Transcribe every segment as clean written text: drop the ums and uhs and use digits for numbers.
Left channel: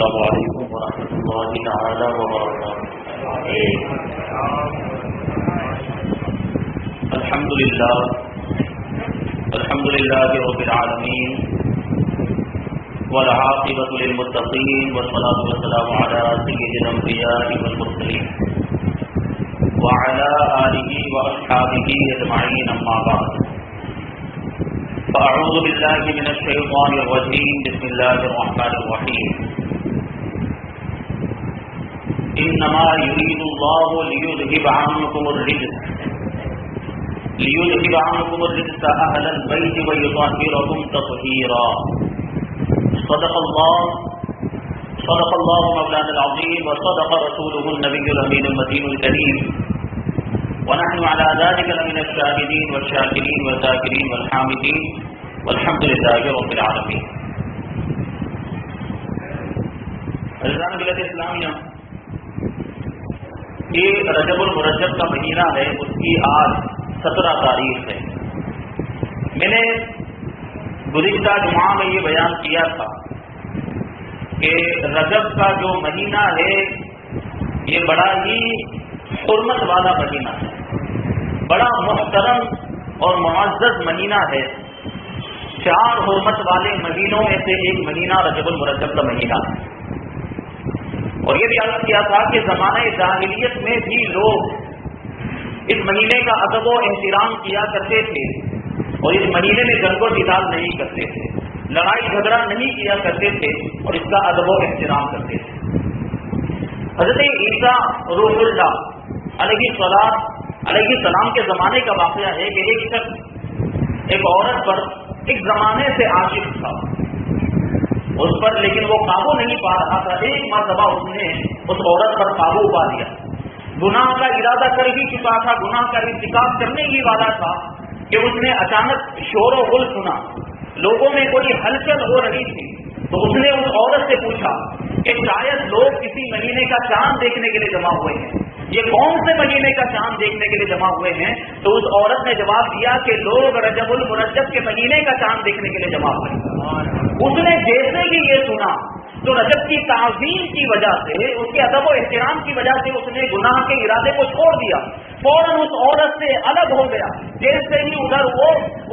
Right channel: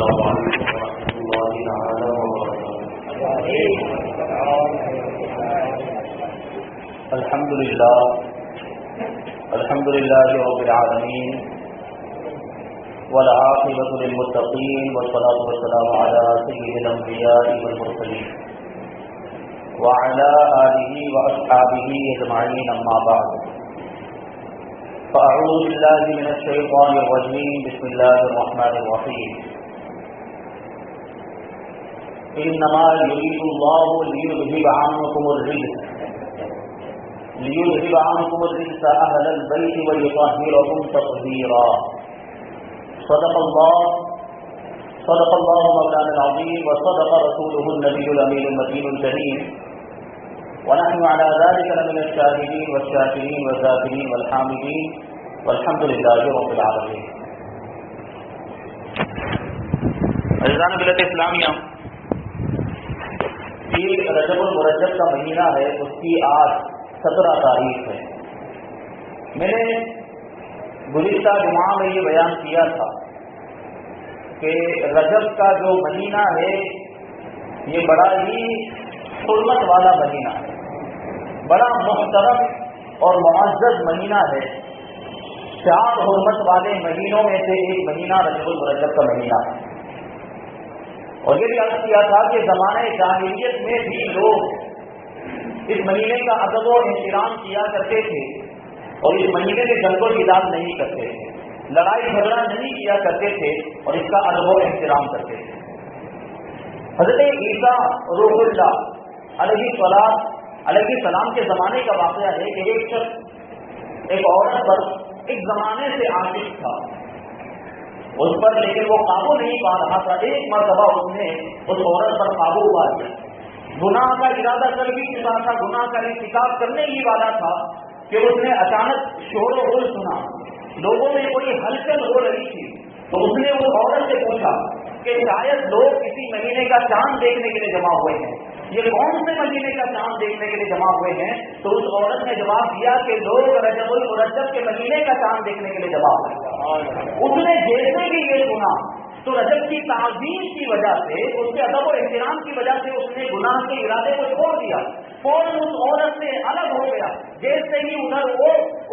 السلام علیکم ورحمۃ اللہ تعالی وبرکاتہ۔ الحمد للہ رب العالمین والعاقبۃ للمتقین والصلاۃ والسلام علی سید الانبیاء والمرسلین وعلی آلہ واصحابہ اجمعین، اما بعد فاعوذ باللہ من الشیطان الرجیم، بسم اللہ الرحمن الرحیم۔ انما یرید اللہ لیذھب عنکم الرجس اہل البیت ویطہرکم تطہیرا۔ صدق اللہ مولانا العظیم وصدق رسولہ النبی الامین المتین الکریم، ونحن على ذلك لمن الشاهدين والشاكرين والذاكرين والحامدين والحمد لله رب العالمين۔ عزیزان ملت اسلامیہ، یہ رجب المرجب کا مہینہ ہے، اس کی آج 17 تاریخ ہے۔ میں نے گزشتہ جمعہ میں یہ بیان کیا تھا کہ رجب کا جو مہینہ ہے یہ بڑا ہی حرمت والا مہینہ ہے، بڑا محترم اور معزز مہینہ ہے۔ 4 حرمت والے مہینوں میں سے ایک مہینہ رجب المرجب کا مہینہ ہے۔ اور یہ بھی عرض کیا تھا کہ زمانہ جاہلیت میں بھی لوگ اس مہینے کا ادب و احترام کیا کرتے تھے، اور اس مہینے میں جنگ و جدال نہیں کرتے تھے، لڑائی جھگڑا نہیں کیا کرتے تھے، اور اس کا ادب و احترام کرتے تھے۔ حضرت عیسیٰ روح اللہ علیہ السلام کے زمانے کا واقعہ ہے کہ ایک شخص ایک عورت پر ایک زمانے سے عاشق تھا اس پر، لیکن وہ قابو نہیں پا رہا تھا۔ ایک مرتبہ اس نے اس عورت پر قابو پا لیا، گناہ کا ارادہ کر ہی چکا تھا، گناہ کا ارتکاب کرنے ہی والا تھا کہ اس نے اچانک شور و غل سنا، لوگوں میں کوئی ہلچل ہو رہی تھی، تو اس نے اس عورت سے پوچھا کہ شاید لوگ کسی مہینے کا چاند دیکھنے کے لیے جمع ہوئے ہیں، یہ کون سے مہینے کا چاند دیکھنے کے لیے جمع ہوئے ہیں؟ تو اس عورت نے جواب دیا کہ لوگ رجب المرجب کے مہینے کا چاند دیکھنے کے لیے جمع ہوئے ہیں۔ اس نے جیسے ہی یہ سنا تو رجب کی تعظیم کی وجہ سے، اس کے ادب و احترام کی وجہ سے اس نے گناہ کے ارادے کو چھوڑ دیا، فوراً اس عورت سے الگ ہو گیا۔ جیسے ہی ادھر وہ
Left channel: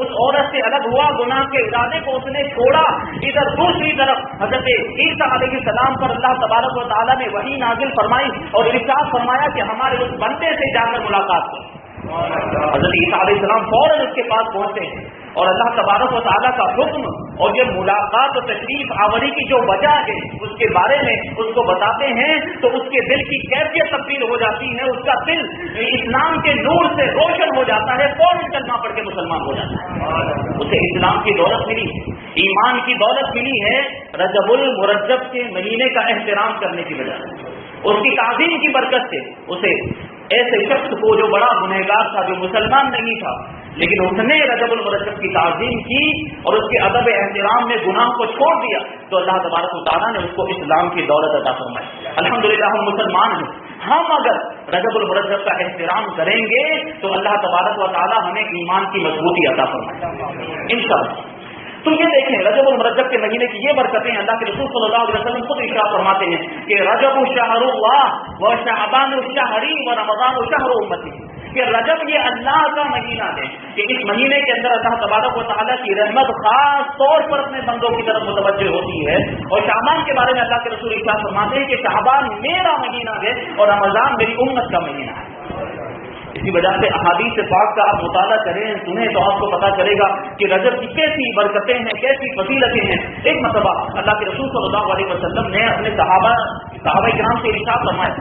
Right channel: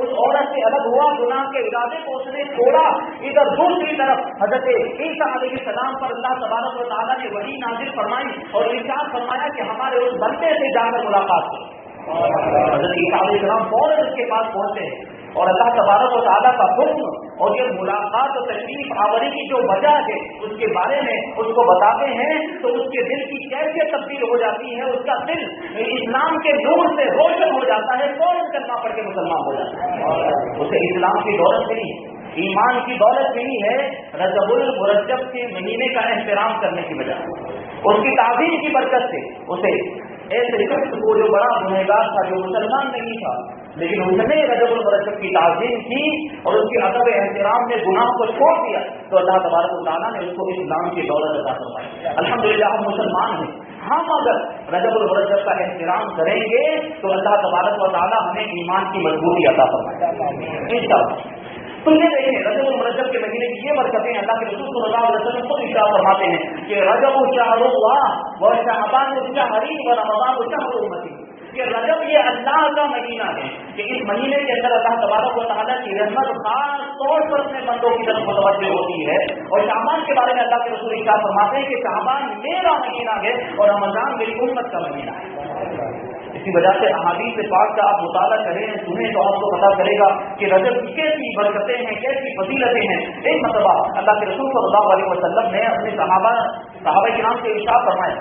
اس عورت سے الگ ہوا، گناہ کے ارادے کو اس نے چھوڑا، ادھر دوسری طرف حضرت عیسیٰ علیہ السلام پر اللہ تبارک و تعالیٰ نے وحی نازل فرمائی اور ارشاد فرمایا کہ ہمارے اس بندے سے جا کر ملاقات کرو۔ حضرت عیسیٰ علیہ السلام فوراً اس کے پاس پہنچے اور اللہ تبارک و تعالیٰ کا حکم اور یہ ملاقات و تشریف آوری کی جو وجہ ہے اس کے بارے میں اس کو بتاتے ہیں، تو اس کے دل کی کیفیت تبدیل ہو جاتی ہے، اس کا دل اسلام کے نور سے روشن ہو جاتا ہے، فوراً کلمہ پڑھ کے مسلمان ہو جاتا ہے۔ اسے اسلام کی دولت ملی، ایمان کی دولت ملی ہے رجب المرجب کے مہینے کا احترام کرنے کی وجہ سے، اس کی تعظیم کی برکت سے۔ اسے ایسے شخص کو جو بڑا گنہگار تھا، جو مسلمان نہیں تھا، لیکن اس نے رجب المرجب کی تعظیم کی اور اس کے ادب احترام میں گناہ کو چھوڑ دیا، تو اللہ تبارک و تعالیٰ نے اس کو اسلام کی دولت عطا فرمائی۔ الحمدللہ ہم مسلمان ہیں، ہم اگر رجب المرجب کا احترام کریں گے تو اللہ تبارک و تعالیٰ ہمیں ایمان کی مضبوطی عطا فرمائے انشاءاللہ۔ تو یہ دیکھیں رجب المرجب کے مہینے کی یہ برکتیں اللہ کے رسول صلی اللہ علیہ وسلم خود ارشاد فرماتے ہیں کہ رجب شہر اللہ وشعبان شہری ورمضان شہر امتی، کہ رجب یہ اللہ کا مہینہ ہے کہ اس مہینے کے اندر اللہ تبارک و تعالیٰ کی رحمت خاص طور پر اپنے بندوں کی طرف متوجہ ہوتی ہے، اور شعبان کے بارے میں اللہ کے رسول ارشاد فرماتے ہیں کہ شعبان میرا مہینہ ہے اور رمضان میری امت کا مہینہ ہے۔ اسی وجہ سے احادیث پاک کا آپ مطالعہ کریں، سنیں تو آپ کو پتا چلے گا کہ رجب کی کیسی برکتیں ہیں، کیسی فضیلتیں ہیں۔ ایک مرتبہ اللہ کے رسول صلی اللہ علیہ وسلم نے اپنے صحابہ کرام سے ارشاد فرمایا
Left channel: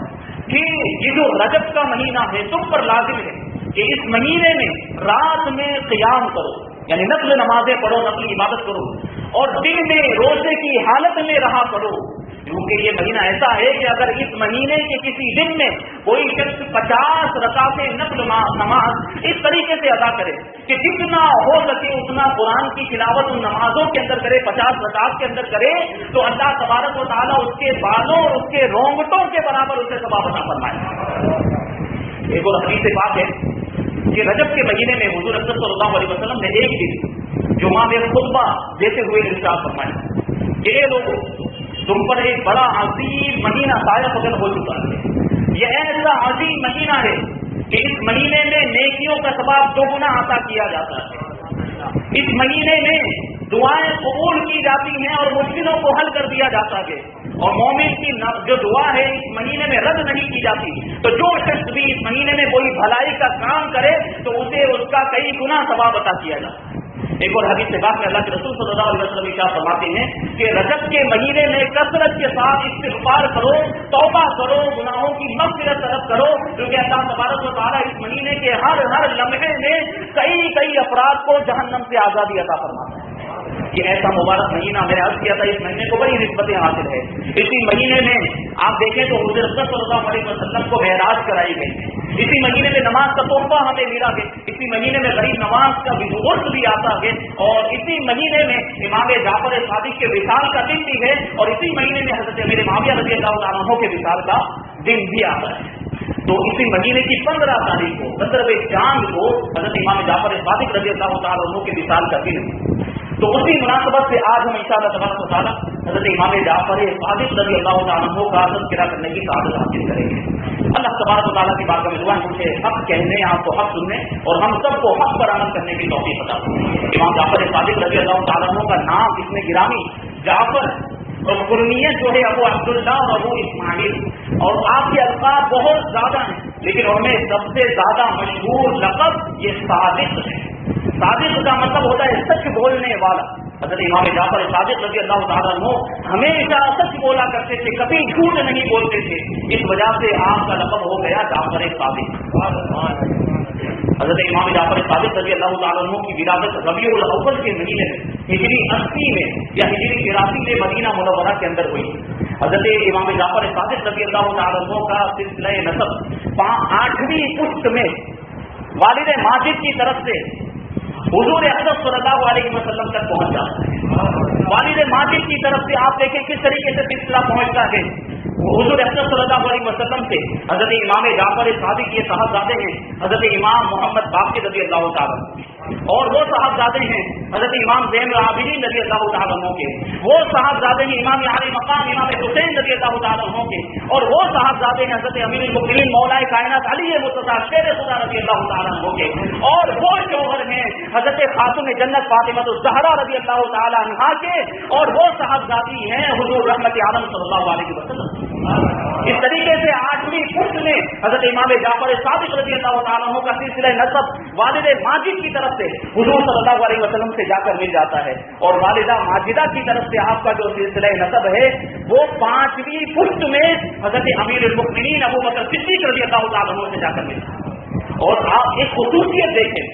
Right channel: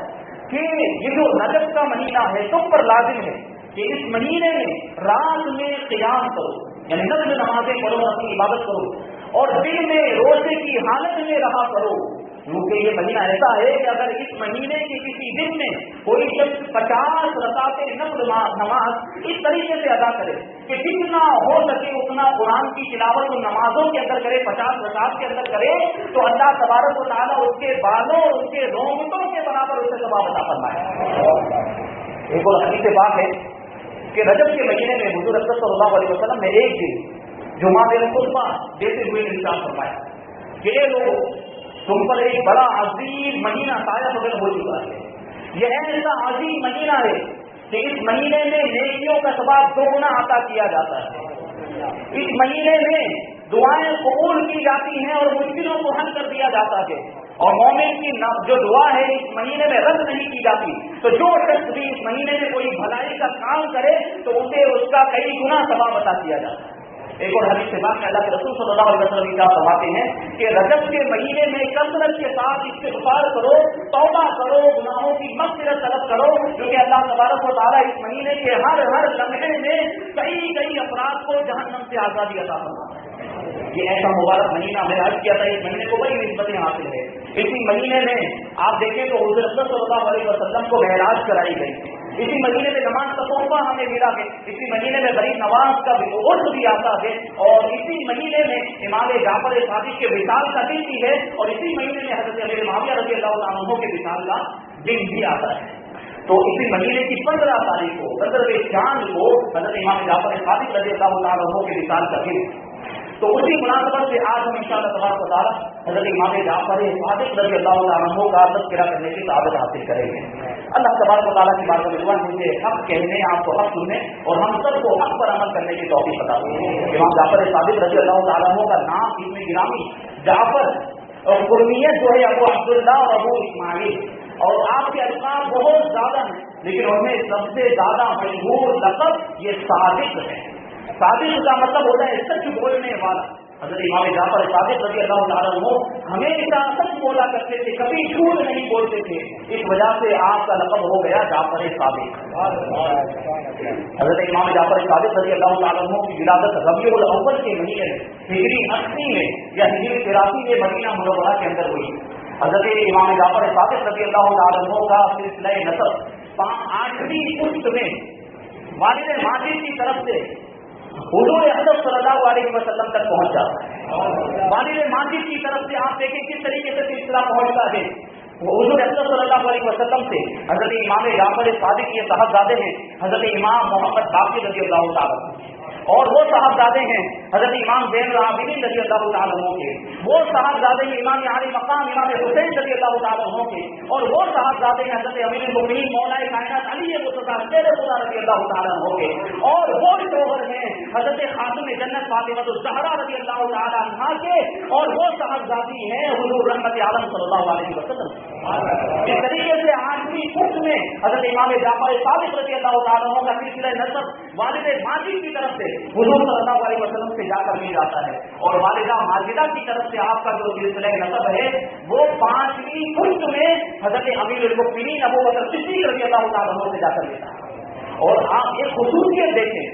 کہ یہ جو رجب کا مہینہ ہے تم پر لازم ہے کہ اس مہینے میں رات میں قیام کرو، یعنی نفل نمازیں پڑھو، اپنی عبادت کرو، اور دن میں روزے کی حالت میں رہا کرو، کیونکہ یہ مہینہ ایسا ہے کہ اگر اس مہینے کے کسی دن میں کوئی شخص 50 رکعتیں نفل نماز اس طریقے سے ادا کرے کہ جتنا ہو سکے اتنا قرآن کی تلاوت نمازوں کے اندر کرے، 50 رکعت کے اندر کرے، تو اللہ تبارک و تعالیٰ اس کے بالوں اور اس کے رونگٹوں کے برابر اسے ثواب عطا فرمائے۔ ایک اور حدیث پاک ہے کہ رجب کے مہینے میں حضور اکرم صلی اللہ علیہ وسلم نے ایک دن جمعہ میں خطبہ دیتے ہوئے ارشاد فرمایا کہ اے لوگوں، تم پر ایک بڑا عظیم مہینہ طائف وغیرہ ہو چکا ہے. یہ ایسا عظیم مہینہ ہے کہ اس مہینے میں نیکیوں کا ثواب 2 گنا عطا کیا جاتا ہے. اس مہینے میں دعائیں قبول کی جاتی ہیں اور مشکلوں کو حل کر دیا جاتا ہے. اور مومن کی جو دعا ہے اس مہینے میں رد نہیں کی جاتی. تو جو شخص بھی اس مہینے میں کوئی بھلائی کا کام کرے تو اسے اس کا کئی گنا ثواب عطا کیا جاتا ہے. ایک اور حدیث سے بات کہ اللہ کے رسول صلی اللہ علیہ وسلم ارشاد فرماتے ہیں کہ رجب کے مہینے میں کثرت کے ساتھ استغفار کرو، توبہ کرو، گناہوں کی مغفرت طلب کرو، کیونکہ اللہ تبارک و تعالیٰ اس مہینے کے ہر لمحے میں کئی افراد کو جہنم سے آزادی عطا فرماتا ہے. یہ ایسا مبارک مہینہ میں نے عرض کیا تھا، اس مہینے کو بڑی نسبتیں حاصل ہے. اسی مہینے میں آپ دیکھیں تو حضور صلی اللہ علیہ وسلم کو معراج کرائی گئی ہے. اسی مہینے میں نماز کا تحفہ ہمیں ملا ہے. اسی مہینے میں غریب نواز کا بھی عرس بھی آتا ہے. اور اسی مہینے میں امام جعفر صادق کے وصال کا دن بھی ہے. اور اسی مہینے میں حضرت امیر معاویہ رضی اللہ عنہ کے وصال کا دن بھی آتا ہے. تو اسی مہینے کی 15 تاریخ کو 15ویں چاند کو حضرت امام جعفر صادق رضی اللہ عنہ کے وصال کا دن ہے. تو اسی مناسبت سے آج ہم انشاءاللہ تبارک و تعالیٰ حضرت امام جعفر صادق رضی اللہ عنہ کا تذکرہ کرنے کی سعادت حاصل کریں گے. اللہ تبارک و تعالیٰ کی بات میں دعا مجھے حق کہنے، آپ کو حق سننے اور ہم سب کو حق پر عمل کرنے کی توفیق عطا فرمائے. امام جعفر صادق رضی اللہ عنہ کا نام اس میں گرامی جعفر اور قرنیت جو ہے ابو عبداللہ اور ابو اسماعیل، اور آپ کے القاب بہت زیادہ ہیں لیکن ان میں سب سے زیادہ مشہور لقب یہ صادق ہے. صادق کا مطلب ہوتا ہے سچ بولنے والا. حضرت امام جعفر صادق رضی اللہ عنہ ہمیشہ سچ بولا کرتے تھے، کبھی جھوٹ نہیں بولتے تھے. اس وجہ سے آپ کا لقب ہو گیا جعفر صادق. حضرت امام جعفر صادق رضی اللہ عنہ کی ولادت ربیع الاول کے مہینے میں ہجری 80 میں یا ہجری 83 میں مدینہ منورہ کے اندر ہوئی. حضرت امام جعفر صادق رضی اللہ عنہ کا سلسلہ نسب 8ویں پشت میں والد ماجد کی طرف سے حضور اقدس صلی اللہ علیہ وسلم تک پہنچ جاتا ہے. والد ماجد کی طرف سے آپ دیکھیں کس طریقے سے سلسلہ پہنچتا ہے. حضور اقدس صلی اللہ علیہ وسلم سے حضرت امام جعفر صادق یہ صاحبزادے ہیں حضرت امام محمد باقر رضی اللہ تعالیٰ، اور وہ صاحبزادے ہیں حضرت امام زین العابدین رضی اللہ تعالیٰ عنہ کے. وہ صاحبزادے ہیں امام علی مقام امام حسین رضی اللہ تعالیٰ عنہ کے. اور وہ صاحبزادے ہیں حضرت امیر المؤمنین مولا کائنات علی مرتضیٰ شیر خدا رضی اللہ تعالیٰ عنہ کے. اور وہ شوہر ہیں حضرت خاتون جنت فاطمہ الزہرا رضی اللہ تعالیٰ عنہا کے. اور وہ صاحبزادی ہیں حضور رحمت عالم صلی اللہ علیہ وسلم. اس طریقے سے 8ویں پشت میں حضرت امام جعفر صادق رضی اللہ تعالیٰ عنہ کا سلسلہ نسب والد ماجد کی طرف سے حضور صلی اللہ علیہ وسلم سے جا کر مل جاتا ہے. اور والدہ ماجدہ کی طرف سے آپ کا جو سلسلہ نسب ہے وہ 5ویں پشت میں حضرت امیر المؤمنین ابو بکر صدیق رضی اللہ تعالیٰ عنہ سے جا کر ملتا ہے. اور آپ ایک خصوصیت دیکھیں،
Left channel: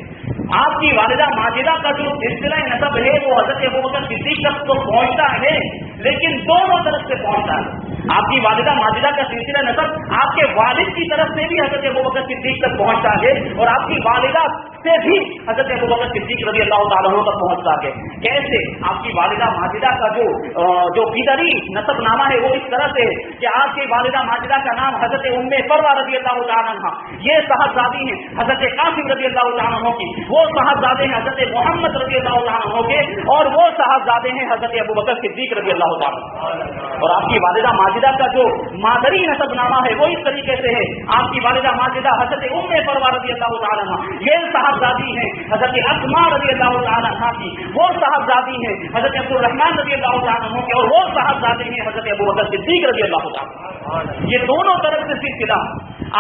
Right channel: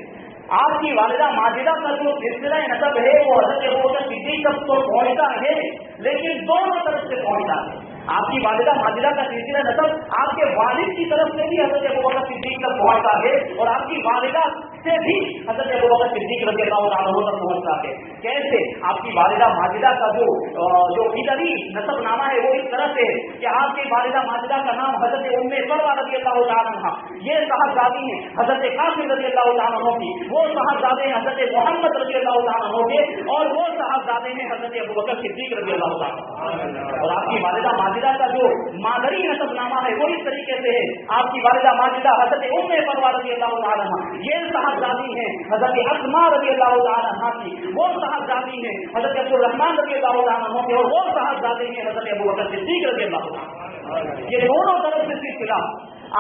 آپ کی والدہ ماجدہ کا جو سلسلہ نسب ہے وہ حضرت ابو بکر صدیق تک تو پہنچتا ہے لیکن دونوں طرف سے پہنچتا ہے. آپ کی والدہ ماجدہ کا سلسلہ نسب آپ کے والد کی طرف سے بھی حضرت ابو بکر صدیق تک پہنچتا ہے اور آپ کی والدہ سے بھی حضرت ابو بکر صدیق رضی اللہ تعالیٰ عنہ تک پہنچتا ہے. کیسے؟ آپ کی والدہ ماجدہ کا جو فدری نسب نامہ ہے وہ اس طرح سے کہ آپ کی والدہ ماجدہ کا نام حضرت ام فروا رضی اللہ تعالیٰ عنہ، یہ صاحبزادی ہیں حضرت قاسم رضی اللہ تعالیٰ عنہ کی. وہ صاحبزادے ہیں حضرت محمد رضی اللہ تعالیٰ عنہ کے. اور وہ صاحبزادے ہیں حضرت ابو بکر صدیق رضی اللہ تعالیٰ. اور آپ کی والدہ ماجدہ کا جو مادری نسب نامہ ہے وہ اس طریقے سے ہے. آپ کی والدہ ماجدہ حضرت ام فروا رضی اللہ تعالیٰ عنہ، یہ صاحبزادی ہیں حضرت اسماء رضی اللہ تعالیٰ عنہ کی. وہ صاحبزادی ہیں حضرت عبد الرحمن رضی اللہ تعالیٰ عنہ کے. اور وہ صاحبزادے ہیں حضرت ابو بکر صدیق رضی اللہ تعالیٰ. یہ دونوں طرف سے سلسلہ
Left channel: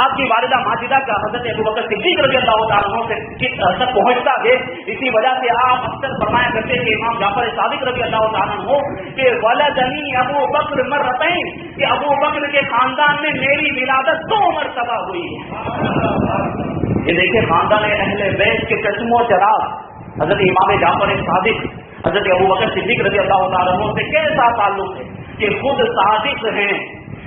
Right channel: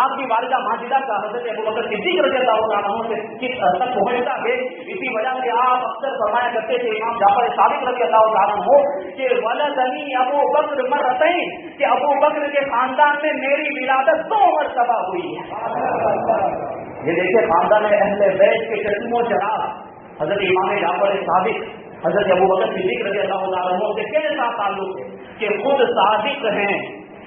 آپ کی والدہ ماجدہ کا حضرت ابو بکر صدیق رضی اللہ تعالیٰ عنہ سے کس تک پہنچتا ہے. اسی وجہ سے آپ اکثر فرمایا کرتے تھے امام جعفر صادق رضی اللہ تعالیٰ عنہ کہ ولدنی ابو بکر مرتين، کہ ابو بکر کے خاندان میں میری ولادت 2 مرتبہ ہوئی ہے. یہ دیکھیں خاندان اہل بیت کے چشم و چراغ حضرت امام جعفر صادق حضرت ابو بکر صدیق رضی اللہ تعالیٰ عنہ سے کیسا تعلق ہے کہ خود صادق ہیں،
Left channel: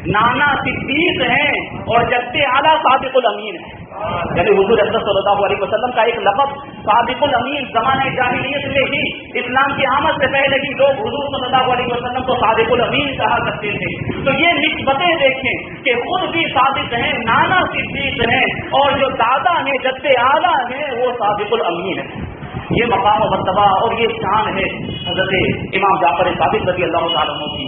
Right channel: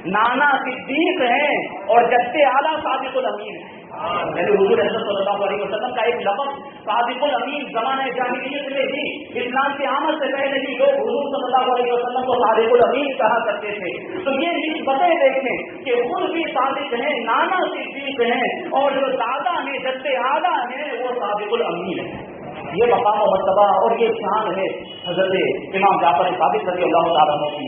نانا صدیق ہیں اور جد اعلیٰ صادق الامین ہیں. یعنی حضور اقدس صلی اللہ علیہ وسلم کا ایک لقب صادق الامین زمانے جاہلیت میں ہی، اسلام کی آمد سے پہلے ہی لوگ حضور صلی اللہ علیہ وسلم کو صادق الامین کہا کرتے تھے. تو یہ نسبتیں دیکھیں کہ خود بھی صادق ہیں، نانا صدیق ہیں اور جو دادا ہیں جد اعلیٰ ہیں وہ صادق الامین ہے. یہ مقام و مرتبہ اور یہ شان ہے حضرت امام جعفر صادق رضی اللہ تعالیٰ عنہ کی.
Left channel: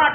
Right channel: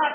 8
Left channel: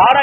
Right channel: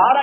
12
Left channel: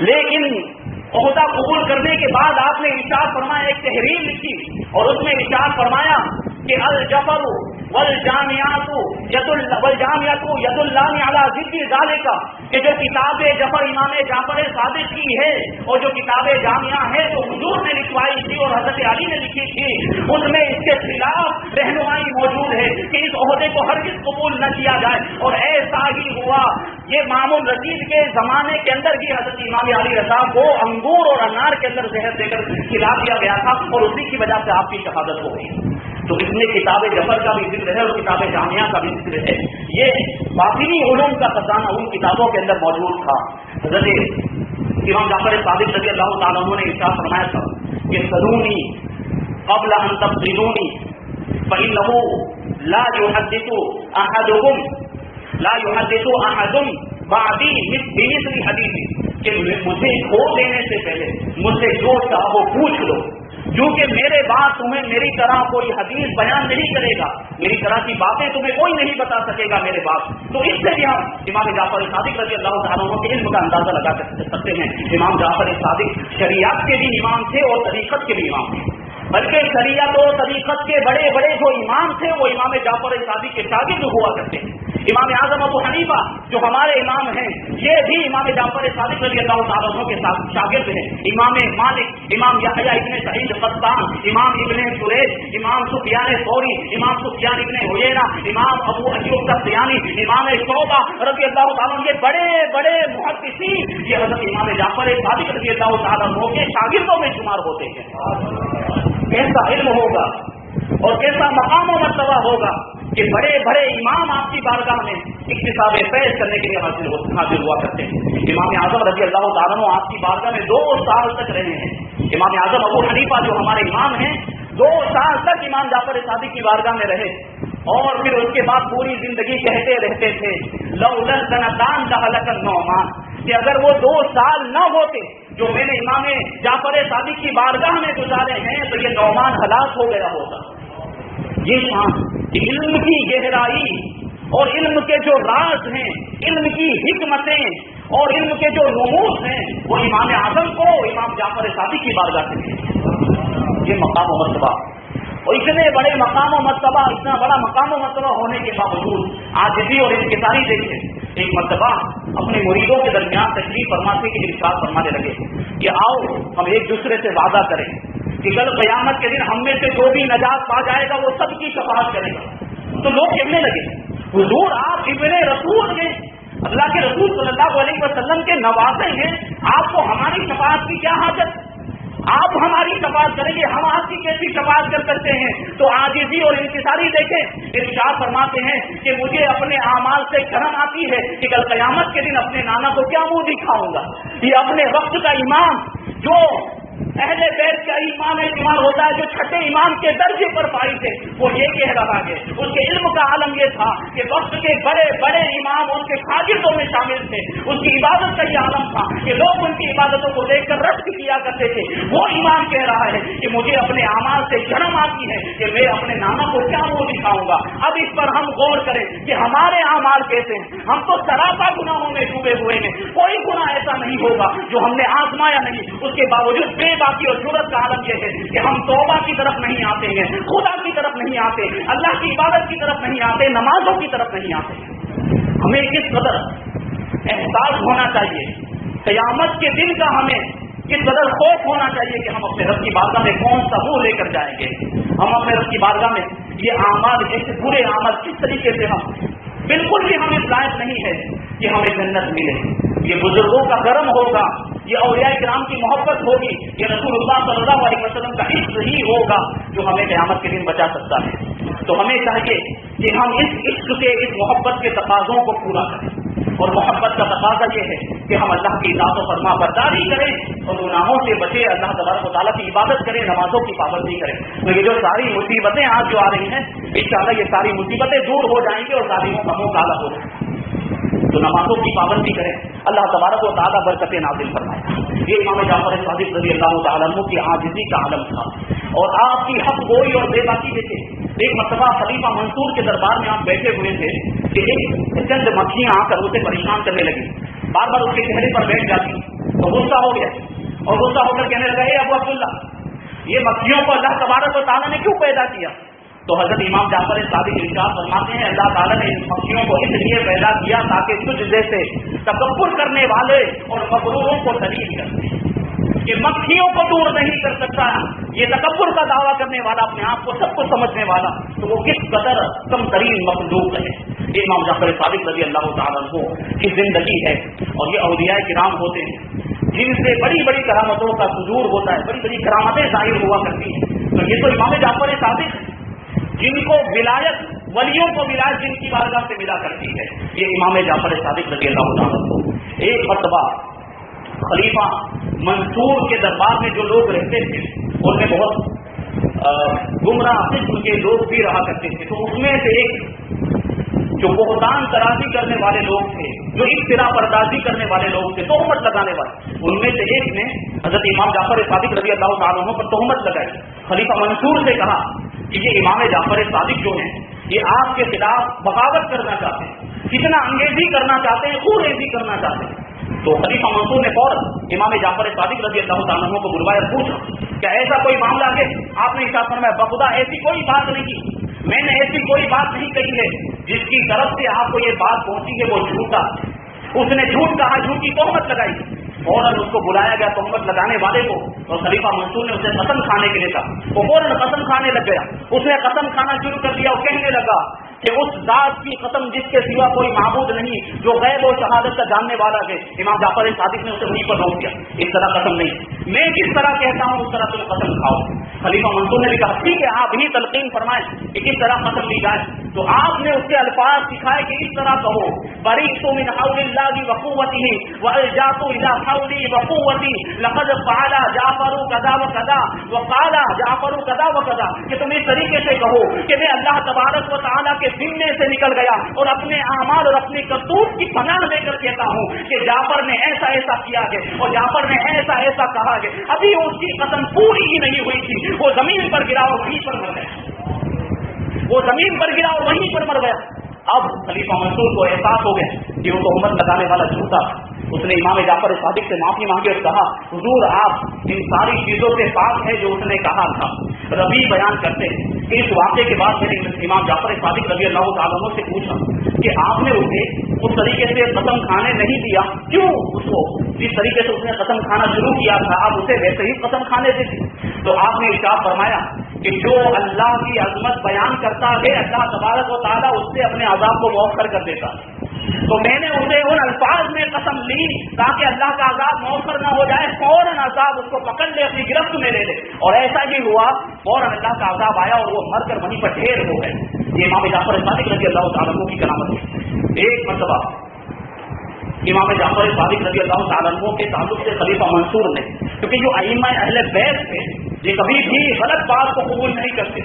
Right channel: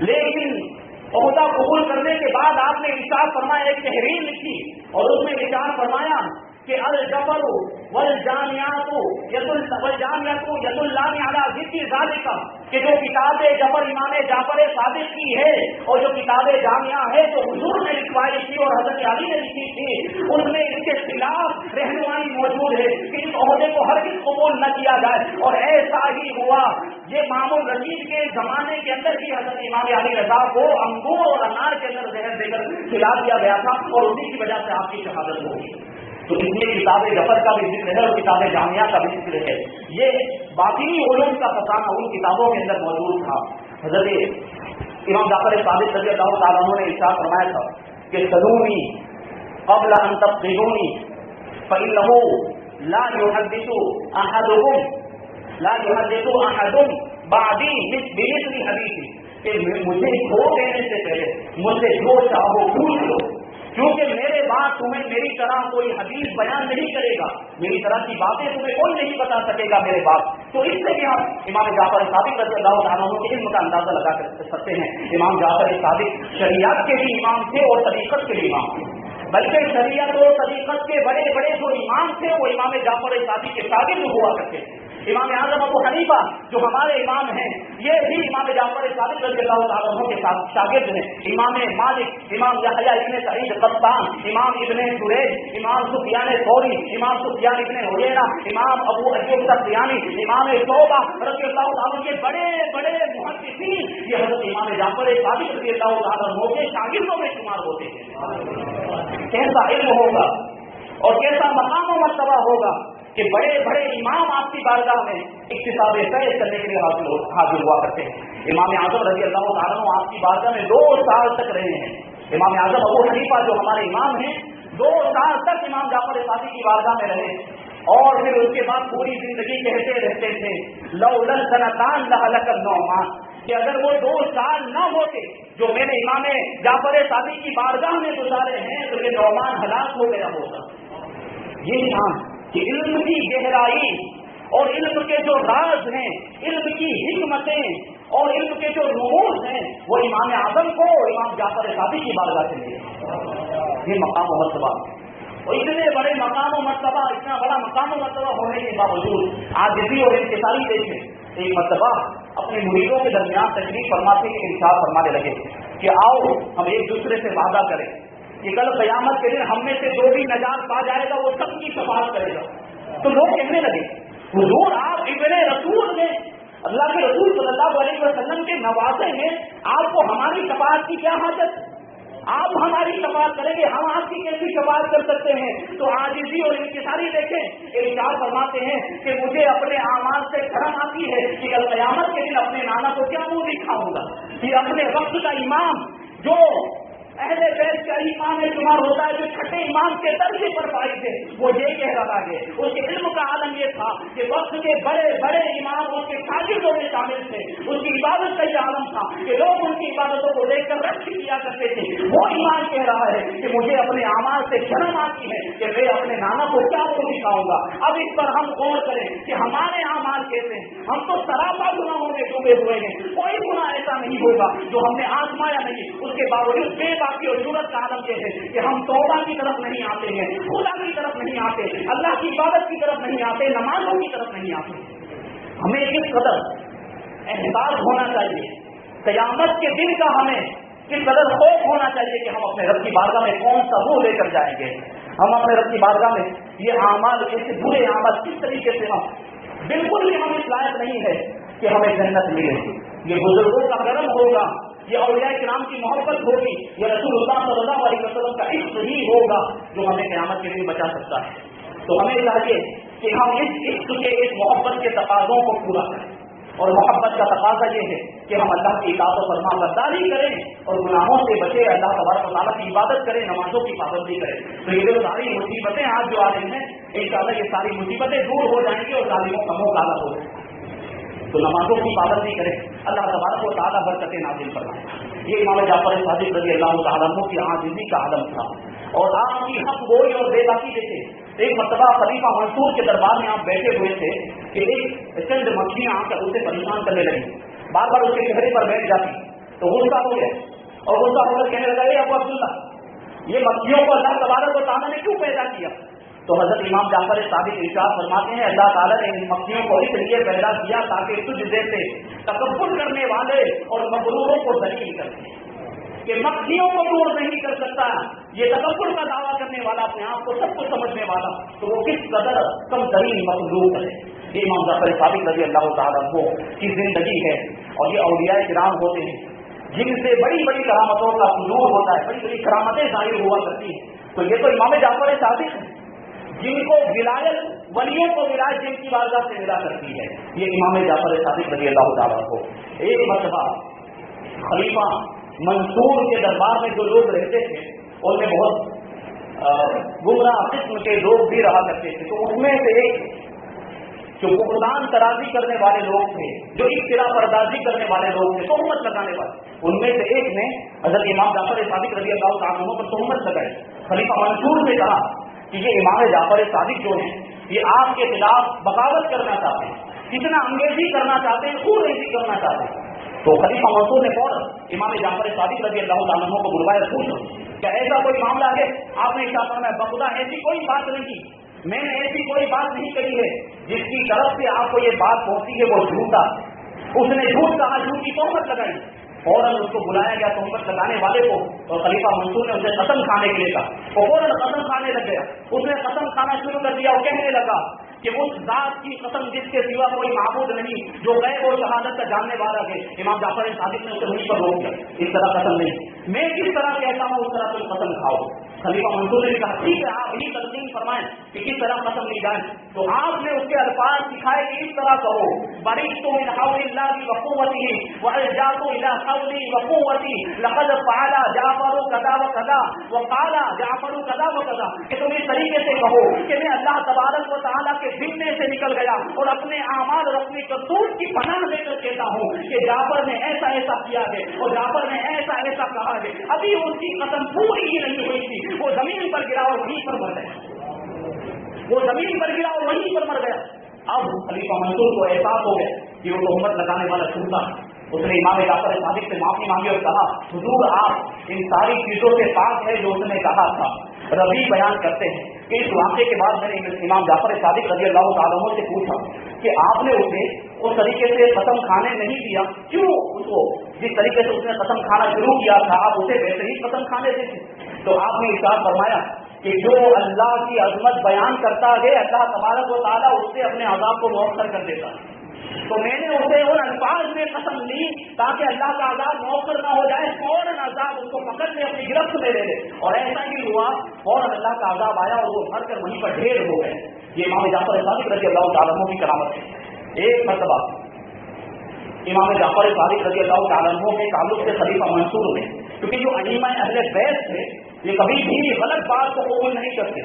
لیکن عہدہ قبول کرنے کے بعد آپ نے ارشاد فرمایا، ایک تحریر لکھی اور اس میں ارشاد فرمایا کہ الجبر والجامعات ید اللہ علی ذکر ذالک، کہ جو کتاب جبر امام جعفر صادق کی ہے اور جو کتاب جامعہ ہے جو حضور نے لکھوائی تھی اور حضرت علی نے لکھی تھی، ان میں اس کے خلاف رہنمائی موجود ہے کہ اس عہدے کو ہرگز قبول نہ کیا جائے. اور ایسا ہی ہوا. یہ مامون رشید کے زمانے کے اندر ہی حضرت امام علی رضا کو انگور اور انار کے اندر زہر دے کر کھلا دیا گیا تھا اور اسی کی وجہ سے آپ کی شہادت ہو گئی. تو اس میں کتاب جبر کا بھی ذکر ہے اور کتاب جامعہ کا بھی ذکر ہے. یہ باطنی علوم کا خزانہ ان کتابوں کے اندر موجود تھا. حضرت امام جعفر صادق رضی اللہ تعالیٰ عنہ نے ارشاد فرمایا تھا کہ سلونی قبل ان تفضلونی فإنه لا يحدث احد بعدی بمثل حدیثی، کہ مجھے کھو دینے سے پہلے مجھ سے جو چاہو پوچھ لو، کیونکہ میرے بعد تمہیں میری طرح کوئی حدیث بیان نہیں کرے گا، میری طرح کی باتیں تمہیں کوئی نہیں بتا سکے گا میرے بعد. تو اس سے بھی ہم امام جعفر صادق رضی اللہ تعالیٰ عنہ کے علم کا اندازہ لگا سکتے ہیں. امام جعفر صادق شریعت کے بھی امام تھے اور طریقت کے بھی امام تھے، بلکہ شریعت اور طریقت کے بڑے بڑے جو امام تھے وہ امام جعفر صادق کے شاگرد ہوا کرتے ہیں. امام اعظم ابو حنیفہ جو ہمارے امام ہیں یہ بھی امام جعفر صادق رضی اللہ تعالیٰ عنہ کے ساتھ شاگرد ہیں. امام مالک، امام یحییٰ ابن سعید قطان، امام ابن جریج، امام سفیان ثوری، امام سفیان ابن عیینہ، امام ابو ایوب السختیانی، امام شعبہ رضی اللہ تعالیٰ عنہ، یہ بڑے بڑے محدثین یہ حضرت امام جعفر صادق رضی اللہ تعالیٰ عنہ کے شاگردوں میں شمار ہوتے ہیں. کیسا علم ہوگا اور کیسا مقام و مرتبہ ہوگا کہ بڑے بڑے امام آپ کی بارگاہ میں اکتساب فیض کرنے کے لیے حاضر ہوا کرتے ہیں. امام اعظم رضی اللہ تعالیٰ عنہ آپ کی بارگاہ میں 2 سال تک رہے ہیں. امام اعظم ابو حنیفہ جو ہمارے امام ہیں 2 سال تک امام جعفر صادق کی بارگاہ میں رہے اور پھر اس کے بعد پوری زندگی کہتے رہتے تھے لولا السنتان لهلك النعمان، کہ اگر وہ 2 سال نہ ہوتے جو میں نے امام جعفر صادق کی بارگاہ میں گزارے ہیں تو یہ نعمان ہلاک ہو گیا ہوتا. یہ شان علم کی گہرائی اور علم کے جو راز ہیں، علم کی حکمتیں اور علم کے جو رموز ہیں وہ امام اعظم کو امام جعفر صادق کی بارگاہ سے ملے. یہ مقام و مرتبہ، اور اتنے بڑے مقام و مرتبہ، اتنا بڑا مقام و مرتبہ ہونے کے باوجود عاجزی اور انکساری دیکھیں. ایک مرتبہ اپنے مریدوں کے درمیان تشریف فرماتے کہ ارشاد فرمانے لگے کہ آؤ ہم ایک دوسرے سے وعدہ کریں کہ کل قیامت کے دن ہم میں سے جو بھی نجات پا جائے گا وہ سب کی شفاعت کرے گا. تو لوگ کہنے لگے حضور آپ ابن رسول ہیں، اللہ کے رسول صلی اللہ علیہ وسلم کے نواسے ہیں، آپ کو ہماری شفاعت کی کیا حاجت؟ آپ ہماری شفاعت کریں گے، ہم آپ کی کیسی شفاعت کر سکتے ہیں؟ تو عاجزی اور انکساری دیکھیں. ارشاد فرماتے ہیں کہ مجھے اپنے اعمال سے شرم آتی ہے کہ کل قیامت کے دن اپنے نانا کو کیا منہ دکھاؤں گا. یہ اپنے وقت کا امام جو اہل بیت کا امام شمار ہوتا ہے، جو چھٹے امام کے درجے پر فائز ہے، وہ یہ کہہ رہا ہے. اس کے علم کا عالم یہ تھا کہ وقت کے بڑے بڑے امام اس کے شاگردوں میں شامل تھے. اس کی عبادت کا یہ عالم تھا کہ لوگ ان کی عبادتوں کو دیکھ کر رشک کیا کرتے تھے. وہ امام کہہ رہا ہے کہ مجھے اپنے اعمال سے شرم آتی ہے کہ میں اپنے نانا کو کیا منہ دکھاؤں گا. اب اس پر ہم غور کریں کہ ہمارے اعمال کیسے ہیں. ہم تو سراپا گناہوں میں ڈوبے ہوئے ہیں، کوئی گناہ ایسا نہیں ہوگا جو ہم نے آزمایا نہیں. اس کے باوجود بے باقی اور جرت کا عالم یہ ہے کہ ہم توبہ کی طرف نہیں آتے ہیں، خدا کی طرف نہیں آتے، اللہ کی عبادت کی طرف نہیں آتے، نمازوں کی طرف نہیں آتے. ہمیں کس قدر احساس ہونا چاہیے قیامت کے دن کا، ہمیں کس قدر خوف ہونا چاہیے کہ ہم اپنے رب کی بارگاہ میں کون سا منہ لے کر جائیں گے. ہم اپنے رب کی بارگاہ میں یہ اعمال، ایسے برے اعمال کس طریقے سے ہم بالکل بھی ہم اس لائق نہیں ہے کہ ہمیں جنت ملے. یہ بزرگوں کا کرم ہوگا، یہ اولیاء کرام کی محبت ہوگی، یہ رسول اللہ صلی اللہ علیہ وسلم کا عشق ہی ہوگا جو ہمیں قیامت کے دن بچا سکتا ہے. تو ہمیں چاہیے کہ ہم اس عشق کے، اس محبت کے تقاضوں کو پورا کریں. اور محبت کا تقاضا یہ ہے کہ ہم اللہ کی اطاعت و فرما برداری کریں اور گناہوں سے بچے، اللہ تبارک و تعالیٰ کی عبادت کریں، نمازوں کی پابندی کریں. تو یہ جو ساری مصیبتیں آج جو آ رہی ہیں انشاءاللہ یہ ساری مصیبتیں دور ہو جائیں گی اور ظالموں کا منہ کالا ہو جائے گا. تو نمازوں کی پابندی کریں، اللہ تبارک و تعالیٰ برکتیں نازل فرمائے. یہ امام جعفر صادق رضی اللہ تعالیٰ عنہ کی عاجزی کا عالم تھا. اور آپ کی حق گوئی اور بے باکی دیکھیں. ایک مرتبہ خلیفہ منصور کے دربار میں آپ بیٹھے ہوئے تھے کہ ایک چند مکھیاں آ کر اسے پریشان کرنے لگی، بار بار اس کے چہرے پر بیٹھ جاتی تو غصہ ہو گیا اور غصہ ہو کر کہنے لگا ابو عبداللہ یہ مکھیوں کو اللہ تبارک و تعالیٰ نے کیوں پیدا کیا؟ تو حضرت امام جعفر صادق ارشاد فرماتے ہیں اللہ تعالیٰ نے ان مکھیوں کو اس لیے پیدا کیا تاکہ تجھ جیسے تکبر کرنے والے اور مغروروں کو ذلیل کر دے کہ مکھیوں کو دور نہیں کر سکتا یہ تکبر کا دعویٰ کرنے والا اپنے آپ کو سب کو سمجھنے والا تو وہ کس قدر کم ترین مخلوق ہے۔ یہ امام جعفر صادق رضی اللہ تعالیٰ عنہ کی زندگی ہے اور یہ اولیاء کرام ہوتے ہیں جن سے بڑی بڑی کرامتوں کا ظہور ہوتا ہے، بڑی بڑی کرامتیں ظاہر ہوا کرتی ہیں۔ تو یہ تو امام جعفر صادق جن کو ولایت ولیوں کو ولایت جن کی بارگاہ سے ملا کرتی ہے، یہ امام جعفر صادق رضی اللہ تعالیٰ عنہ۔ ایک مرتبہ خلیفہ منصور کے دربار میں جو لوگ رہتے تھے ان میں بہت گمراہ قسم کے لوگ بھی رہا کرتے تھے، تو اس میں سے ایک جو بہتان ترازی کرنے والے لوگ تھے، جو افتراء پردازی کرنے والے لوگ تھے، تہمت لگانے والے، ان میں سے ایک نے حضرت امام جعفر صادق رضی اللہ تعالیٰ عنہ پر تہمت لگائی۔ خلیفہ منصور سے کہا کہ یہ امام جعفر صادق جو ہیں یہ آپ کے خلاف بغاوت کرنا چاہتے ہیں، فتنہ انگیزی کرنا چاہتے ہیں، خون ریزی کرنا چاہتے ہیں۔ تو خلیفہ منصور نے فوراً امام جعفر صادق رضی اللہ تعالیٰ عنہ کو بلوایا، پوچھا کیا ایسا کوئی معاملہ ہے؟ آپ نے ارشاد فرمایا بخدا ایسی کوئی بات نہیں کی، میں نے ایسی کوئی بات نہیں کہی ہے جس کی طرف سے آپ کو یہ بات پہنچی ہے وہ جھوٹا۔ اس نے جھوٹ کہا، جھوٹی تہمت لگائی، فوراً اس کو بلایا گیا تہمت لگانے والے کو، اور خلیفہ منصور نے اسے قسم کھانے کے لیے کہا، وہ فوراً قسم کھانے لگ گیا۔ اس نے قسم کھانا شروع کر دیا اور کہنے لگا کہ اس ذات کی قسم جس کے سوا کوئی معبود نہیں، جو غیب و شہادت کا جاننے والا ہے۔ امام جعفر صادق نے اسے وہیں پر روک دیا، اس طرح قسم نہیں، میں جس طرح کہتا ہوں اس طرح تم قسم کھاؤ۔ خلیفہ منصور نے بھی کہا ٹھیک ہے آپ ہی تلقین فرمائیں کہ کس طرح قسم لی جائے۔ تو آپ نے اس کے الفاظ سکھائے کہ اس طرح کہو بریئت من حول اللہ وقوتہ والجأت الی حولی وقوتی لقد فعل جعفر کذا وکذا وقال جعفر کذا وکذا، کہ تم اس طریقے سے کہو کہ میں اللہ تبارک و تعالیٰ کے ذمے سے نکل گیا اور اپنے اعمال اور اپنی کرتوت کی پناہ لے کر کہتا ہوں کہ جعفر نے ایسا ایسا کیا ہے اور جعفر نے ایسا ایسا کہا ہے۔ ابھی اس کی قسم پوری ہی نہیں ہوئی تھی، وہ زمین پر گرا اور وہیں پر مر گیا، وہ زمین پر گرا اور وہیں پر مر گیا۔ اب خلیفہ منصور کو احساس ہو گیا کہ وہ تہمت لگانے والا جھوٹا، اس نے امام جعفر صادق سے معافی مانگی اور کہا حضور آپ ان ساری چیزوں سے پاک ہے جو اس نے کہا تھا۔ ربی بیان کرتے ہیں کہ اس واقعے کے بعد میں نے امام جعفر صادق رضی اللہ تعالیٰ عنہ سے پوچھا کہ آپ نے اسے اس طریقے سے قسم کھانے نہیں دیا، کیوں اس کو جس طریقے سے اس نے قسم کھانا شروع کیا تھا آپ اسے ویسے ہی قسم کھانے دیتے؟ تو آپ نے ارشاد فرمایا کہ جو اللہ کی عظمت بیان کرتا ہے اللہ تبارک و تعالیٰ اس سے اپنے عذاب کو مؤخر کر دیتا ہے۔ تو میں نے اسے ان الفاظ میں قسم لی تاکہ اللہ کا عذاب مؤخر نہ ہو جائے، فوراً عذاب اس کو پکڑ لے، اپنی گرفت میں لے لے، اور ایسا ہی ہوا، فوراً اللہ کا عذاب آیا اور وہ مر کر وہیں پر ڈھیر ہو گئے۔ یہ امام جعفر صادق رضی اللہ تعالیٰ عنہ کی کرامت ہے۔ ایک مرتبہ امام جعفر صادق رضی اللہ تعالیٰ عنہ کے تعلق سے خلیفہ منصور نے، کیونکہ جو ائمہ اہل بیت تھے یہ کبھی بھی غلط بات کو قبول نہیں کرتے،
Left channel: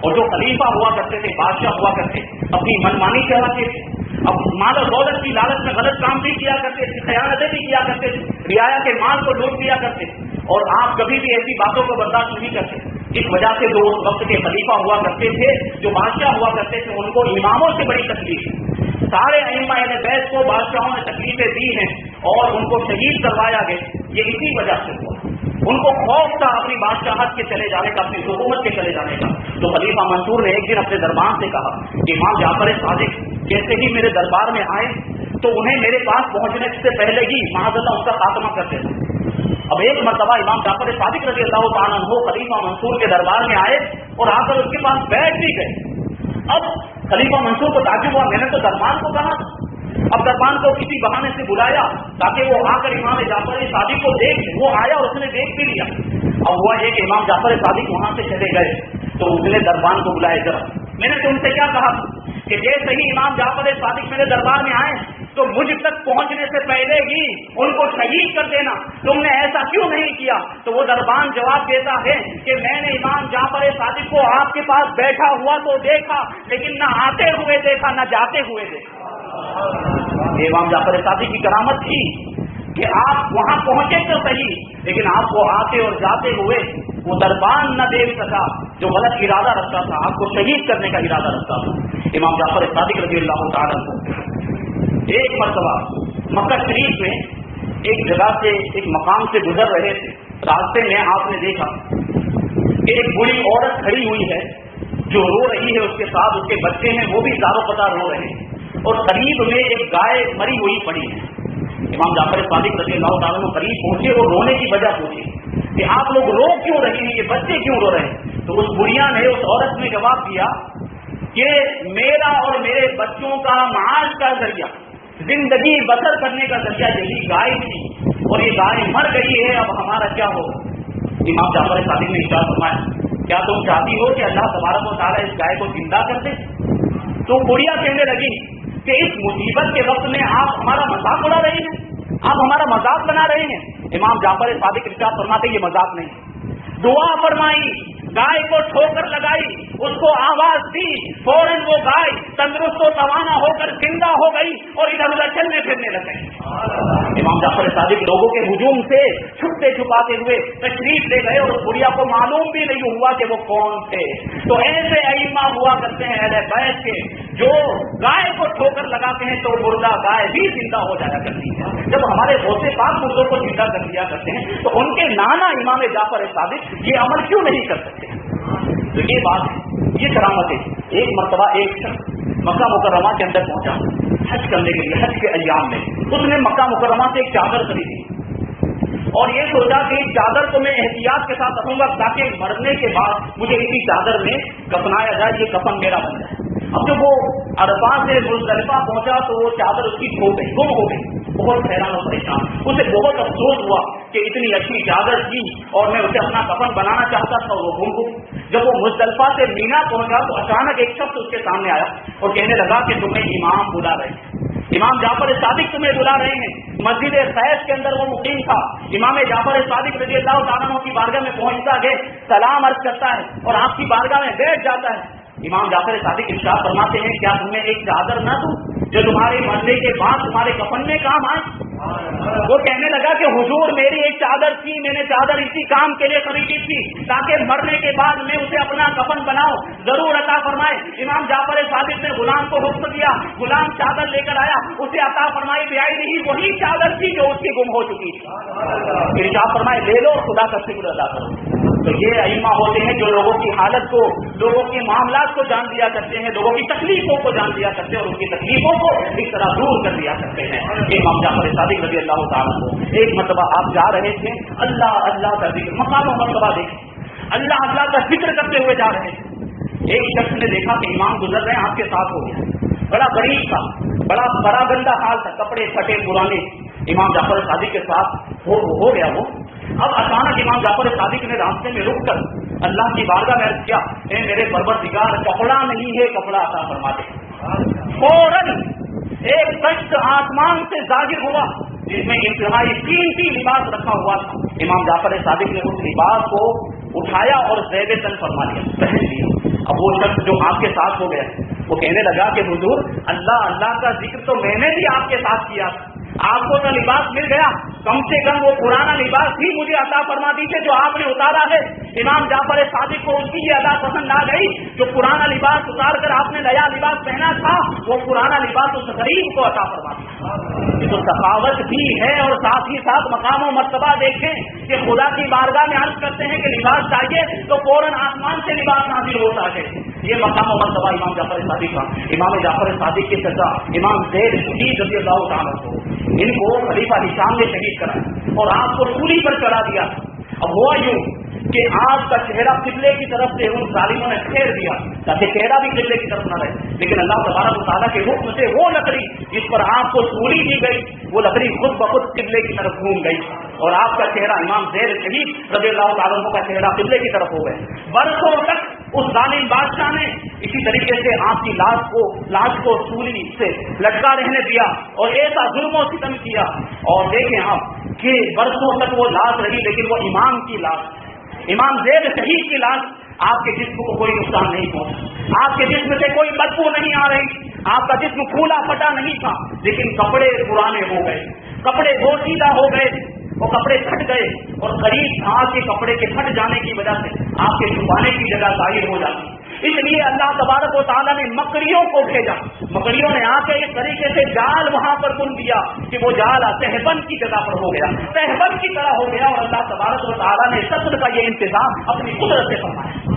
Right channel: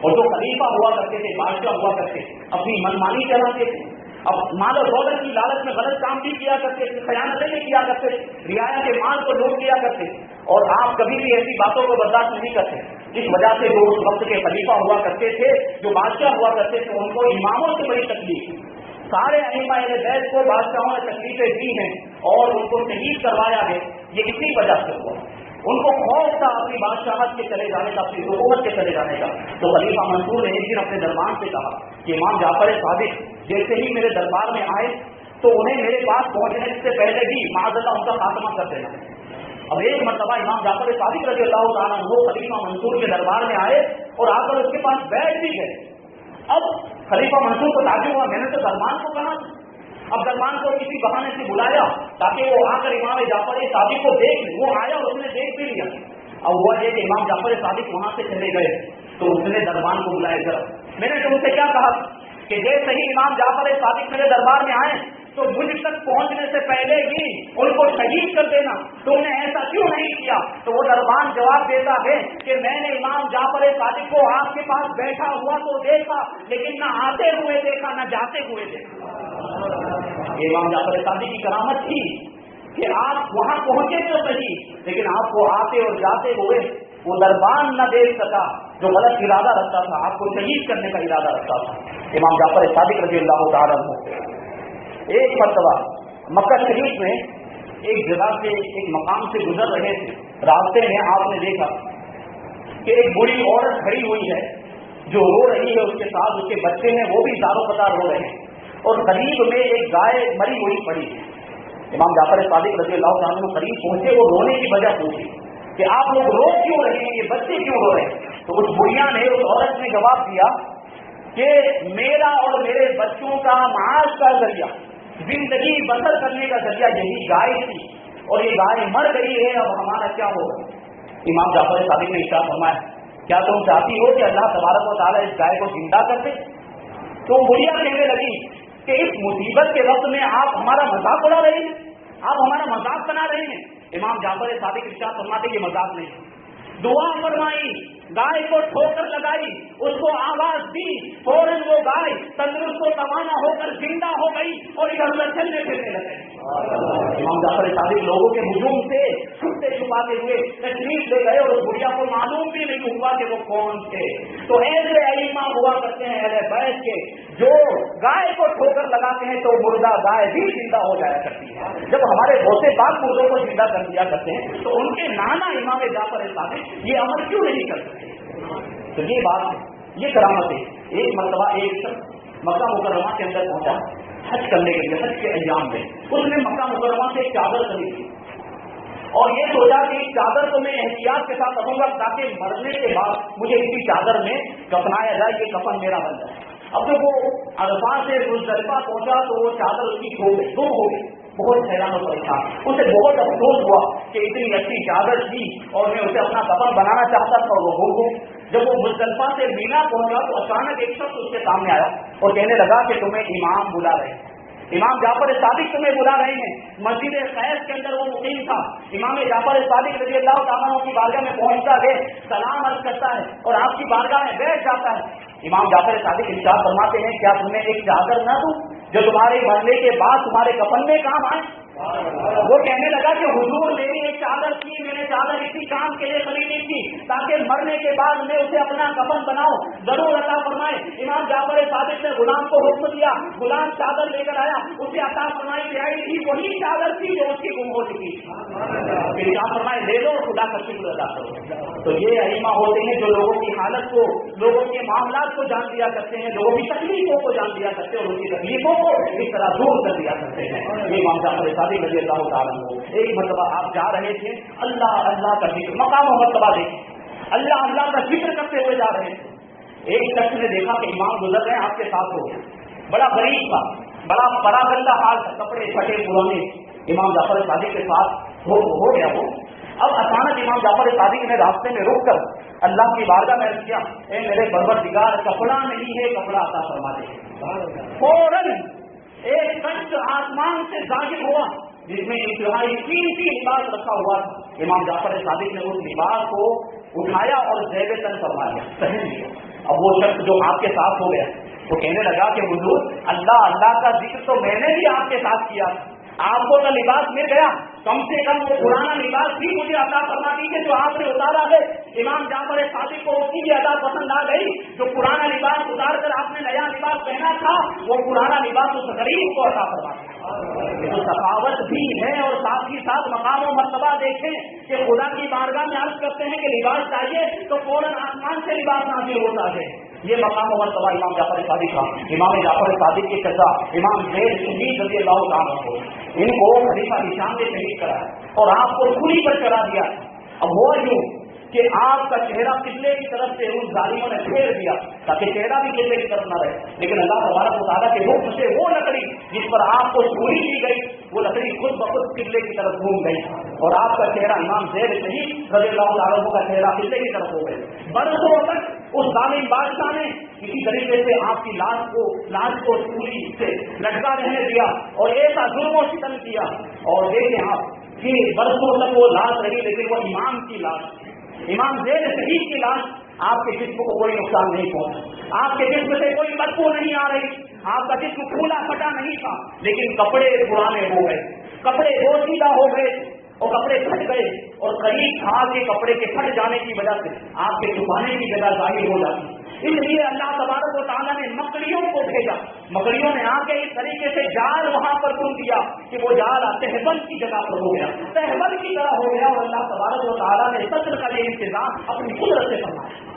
اور جو خلیفہ ہوا کرتے تھے، بادشاہ ہوا کرتے، اپنی منمانی چلاتے تھے، اب مال و دولت کی لالچ میں غلط کام بھی کیا کرتے تھے، خیانتیں بھی کیا کرتے تھے، رعایا کے مال کو لوٹ لیا کرتے، اور آپ کبھی بھی ایسی باتوں کو برداشت نہیں کرتے۔ اس وجہ سے جو اس وقت کے خلیفہ ہوا کرتے تھے، جو بادشاہ ہوا کرتے تھے، ان کو اماموں سے بڑی تکلیف، سارے ائمہ اہل بیت کو بادشاہوں نے تکلیفیں دی ہیں اور ان کو شہید کروایا گیا، یہ اسی وجہ سے ہوا۔ ان کو خوف تھا اپنی بادشاہت کے چلے جانے کا، اپنی حکومت کے چلے جانے کا۔ تو خلیفہ منصور نے ایک دن اپنے دربار سے کہا کہ امام جعفر صادق جیسے ہی میرے دربار میں آئے تو انہیں میرے پاس پہنچنے سے پہلے ہی معذرت ان کا خاتمہ کر دینا۔ اب ایک مرتبہ امام جعفر صادق رضی اللہ تعالیٰ عنہ خلیفہ منصور کے دربار میں آئے اور آ کر اس کے پاس بیٹھ بھی گئے۔ اب خلیفہ منصور کو تعجب ہوا، میں نے تو دربار کو کہا، اب دربار کو کسی بہانے سے بلایا تاکہ وہ آ کر امام جعفر صادق کو دیکھ لے۔ وہ آیا اور اس نے دیکھ بھی لیا۔ اب ہوا یہ کہ امام جعفر صادق وہاں سے چلے گئے تو اس نے دربار کو بلایا، جب میں نے تم سے کیا کہا کہ جیسے ہی امام جعفر صادق میرے دربار میں آئے تو مجھ تک پہنچنے سے پہلے ہی ان کو شہید کر دینا، تم نے ایسا کیوں نہیں کیا؟ تو وہ دربان جواب دیتا ہے کہ میں نے امام جعفر صادق کو آپ کے پاس بیٹھا ہوا تو دیکھا، لیکن نہ آتے ہوئے دیکھا نہ جاتے ہوئے دیکھا۔ امام جعفر صادق کی کرامت تھی کہ آپ وہاں پہنچے تو صحیح، لیکن آپ کو آتے اور جاتے ہوئے وہ دربان نہ دیکھ سکا جو غلط ارادہ رکھتا تھا، آپ کو شہید کرنے کا ارادہ رکھتا تھا۔ امام جعفر صادق رضی اللہ تعالیٰ عنہ ایک مرتبہ مکہ شریف میں ایک جگہ سے ایک مقام سے گزر رہے تھے. راستے میں آپ نے دیکھا کہ ایک بوڑھی عورت کھڑی ہوئی ہے جو رو رہی ہے, اس کے ساتھ اس کے بچے ہیں وہ بھی زارو پتا رو رہے ہیں, اور قریب میں ایک گائے مری ہوئی پڑی ہے. امام جعفر صادق رضی اللہ تعالیٰ عنہ قریب پہنچے اور رونے کی وجہ پوچھی کہ آپ لوگ رو کیوں رہی ہیں, یہ بچے کیوں رو رہے ہیں؟ تو اس بڑھیا نے, اس عورت نے جواب دیا کہ میرا اور میرے بچوں کا معاش کا ذریعہ, زندگی بسر کرنے کا ذریعہ یہی گائے تھی, اور یہ گائے مر گئی ہے, اب ہمارا کیا ہو؟ امام جعفر صادق نے اشارہ فرمایا کیا تم چاہتی ہو کہ اللہ تبارک و تعالیٰ اس گائے کو زندہ کر دے؟ تو بڑھیا کہنے لگی کہ اس مصیبت کے وقت میں آپ ہمارا مذاق بنا رہے ہیں, آپ ہمارا مذاق بنا رہے ہیں. امام جعفر صادق ارشاد فرماتے یہ مذاق نہیں ہے. دعا فرمائی, گائے کو ٹھوکر لگائی, اس کو آواز دی, فوراً وہ گائے تندرست و توانا ہو کر زندہ ہو گئی اور ادھر ادھر چلنے پھرنے لگے. امام جعفر صادق لوگوں کے ہجوم سے چھپتے چھپاتے ہوئے تشریف لے گئے, اور بڑھیا کو معلوم بھی نہیں ہوا کہ وہ کون تھے. تو ایسے ائمہ ہوا کرتے ہیں اہل بیت کے, جو گائے کو ٹھوکر لگاتے ہیں تو مردہ گائے بھی زندہ ہو جایا کرتی ہے. جب ہمارے غوث پاک مردوں کو زندہ کر دیا کرتے ہیں تو ان کے نانا امام جعفر صادق یہ عمل کیوں نہیں کر سکتے؟ تو یہ بات ہے, یہ کرامت ہے. ایک مرتبہ ایک شخص مکہ مکرمہ کے اندر پہنچا حج کرنے کے لیے, حج کے ایام میں اس نے مکہ مکرمہ سے ایک چادر خریدی اور یہ سوچا کہ چادر کو میں احتیاط کے ساتھ رکھوں گا تاکہ مرنے کے بعد مجھے اسی چادر میں کفنایا جائے, یہ کفن میرا بن جائے. اب جب وہ عرفات سے مزدلفہ پہنچا تو وہ چادر اس کی کھو گئی, گم ہو گئی. بہت حیران اور پریشان, اسے بہت افسوس ہوا کہ اتنی اچھی چادر تھی اور میں اسے اپنا کفن بنانا چاہتا تھا اور وہ گم ہو. جب وہ مزدلفہ سے مینا پہنچا تو اچانک ایک شخص اس کے سامنے آیا اور کہنے لگا کہ تمہیں امام بلا رہے ہیں, امام جعفر صادق تمہیں بلا رہے ہیں. مسجد خیس کے اندر وہ مقیم تھا. امام جعفر صادق رضی اللہ تعالیٰ عنہ کی بارگاہ میں پہنچتا ہے, سلام عرض کرتا ہے اور آپ کی بارگاہ میں بیٹھ جاتا ہے. امام جعفر صادق ارشاد فرماتے ہیں کیا تمہیں ایک چادر نہ دوں جو تمہارے مرنے کے بعد تمہارے کفن میں کام آئے؟ وہ کہنے لگا کہ حضور میری ایک چادر تھی, میں نے چادر اسی کام کے لیے خریدی تھی تاکہ مرنے کے بعد میں اسے اپنا کفن بناؤں, ضرور عطا فرمائے. امام جعفر صادق نے غلام کو حکم دیا, غلام چادر لے کر آیا, اسے عطا فرمائی بھی آئی نہیں, وہی چادر تھی جو اس کی گم ہو چکی تھی. ارشاد فرمائے لے لو اور خدا کا شکر ادا کرو. تو یہ ائمہ ہوتے ہیں جو لوگوں کی حالت کو, لوگوں کے معاملات کو جان دیا کرتے ہیں, لوگوں کی تکلیفوں کو جان دیا کرتے ہیں اور ان کی تکلیفوں کو اس طرح دور کر دیا کرتے ہیں. یہ امام جعفر صادق رضی اللہ تعالیٰ عنہ, ایک مرتبہ آپ جا رہے تھے, اللہ اللہ کا ذکر, مقام و مرتبہ دیکھیں, اللہ اللہ کا ذکر کرتے ہوئے جا رہے تھے. ایک شخص نے دیکھا کہ امام گزر رہے ہیں, آپ کے ساتھ ہو گیا, بڑا غریب تھا, بڑا گندا حال تھا, کپڑے پھٹے پرانے, امام جعفر صادق کے ساتھ ہو گیا وہ. اب اچانک امام جعفر صادق نے راستے میں روک کر اللہ کی بارگاہ میں عرض کیا, اے میرے پروردگار کپڑا نہیں ہے, کپڑا عطا فرما دے. فوراً ایک تخت آسمان سے ظاہر ہوا جس میں انتہائی قیمتی لباس رکھا ہوا تھا. امام جعفر صادق نے اس لباس کو اٹھایا اور زیب تن فرما دیا, پہن لیا. اب وہ شخص جو آپ کے ساتھ ہو گیا وہ کہنے لگا کہ حضور اللہ اللہ کا ذکر تو میں نے بھی آپ کے ساتھ کیا, آپ کو جو لباس مل گیا کم سے کم وہ پرانا لباس ہی مجھے عطا فرما دیجیے جو آپ نے اتارا ہے. امام جعفر صادق کو اس کی یہ ادا پسند آ گئی, جو پرانا لباس اتار کر آپ نے نیا لباس پہنا تھا وہ پرانا لباس اس غریب کو عطا فرما دیا. یہ تو سخاوت بھی ہے, اور ساتھ ہی ساتھ مقام و مرتبہ دیکھیں کہ خدا کی بارگاہ میں عرض کرتے ہیں کہ لباس چاہیے تو فوراً آسمان سے لباس نازل ہوتا ہے. یہ مقام و مرتبہ امام جعفر صادق کا. امام جعفر صادق کی سزا امام زید شہید رضی اللہ تعالیٰ کو, ان کو خلیفہ ہشام نے شہید کرا اور آپ کو سولی پر چڑھا دیا. اب ہوا یوں کہ آپ کا چہرہ قبلے کی طرف سے ان ظالموں نے پھیر دیا تاکہ چہرہ بھی قبلے کی طرف نہ رہے, لیکن اللہ تبارک و تعالیٰ کے حکم سے وہ لکڑی جس پر آپ کو سولی دی گئی وہ لکڑی خود بخود قبلے کی طرف گھوم گئی اور آپ کا چہرہ امام زید شہید رضی اللہ تعالیٰ کا چہرہ قبلے کی طرف ہو گئے. برسوں تک اس ظالم بادشاہ نے اسی طریقے سے آپ کی لاش کو سولی سے لٹکا رہنے دیا اور ایسا ظلم و ستم کیا. اور دیکھیں آپ کہ برسوں تک وہ لاش رہی, لیکن وہ امام کی لاش, امام زید شہید کی لاش, آپ کے جسم کو کوئی نقصان نہیں پہنچا, آپ کے جسم سے کوئی بدبو نہیں آ رہی, آپ کا جسم پھولا پھٹا نہیں تھا, لیکن کپڑے پرانے ہو گئے, کپڑے بوسیدہ ہو گئے, وہ کپڑے پھٹ گئے اور قریب آپ کے کپڑے کے پھٹ جانے کی وجہ سے آپ کے چھپانے کی جگہ ظاہر ہو جاتی. اس لیے اللہ تبارک و تعالیٰ نے مکڑیوں کو بھیجا، مکڑیوں نے آ کے اس طریقے سے جال وہاں پر بن دیا کہ وہ جال تہبند کی جگہ پر ہو گیا، تہبند کی طرح ہو گیا، اور اللہ تبارک و تعالیٰ نے قتل کا یہ انتظام اپنی قدرت سے فرمایا۔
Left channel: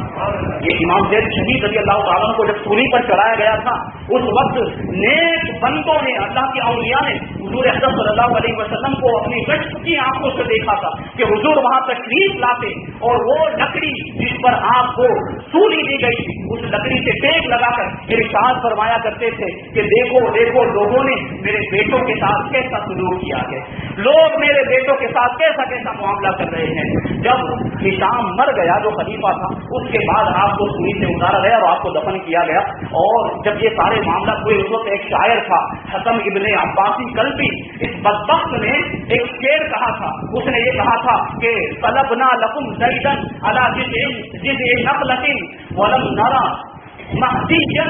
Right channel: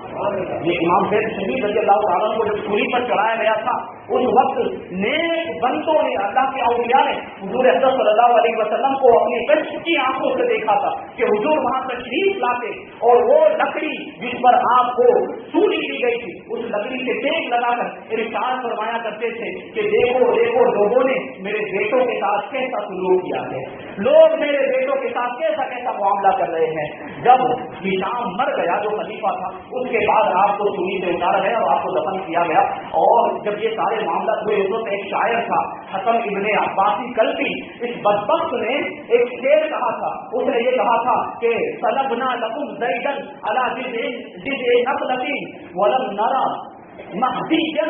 یہ امام زید شہید رضی اللہ تعالیٰ کو جب سولی پر چڑھایا گیا تھا، اس وقت نیک بندوں نے، اللہ کے اولیاء نے حضور اکرم صلی اللہ علیہ وسلم کو اپنی گشت کی آنکھوں سے دیکھا تھا کہ حضور وہاں تشریف لاتے اور وہ لکڑی جس پر آپ کو سولی دی گئی تھی، اس لکڑی سے ٹیک لگا کر ارشاد فرمایا کرتے تھے کہ دیکھو دیکھو لوگوں نے میرے بیٹوں کے ساتھ کیسا سلوک کیا ہے، لوگ میرے بیٹوں کے ساتھ کیسا کیسا معاملہ کر رہے ہیں۔ جب ہشام مر گیا جو خلیفہ تھا، اس کے بعد آپ کو سولی سے اتارا گیا اور آپ کو دفن کیا گیا، اور جب یہ سارے معاملہ ہوئے اس وقت ایک شاعر تھا حکم ابن عباسی کلبی، اس بدبخت نے ایک شعر کہا تھا، اس نے یہ کہا تھا کہ طلبنا لکم زیدن علی جزء نخلۃ ولم نرى مہدیا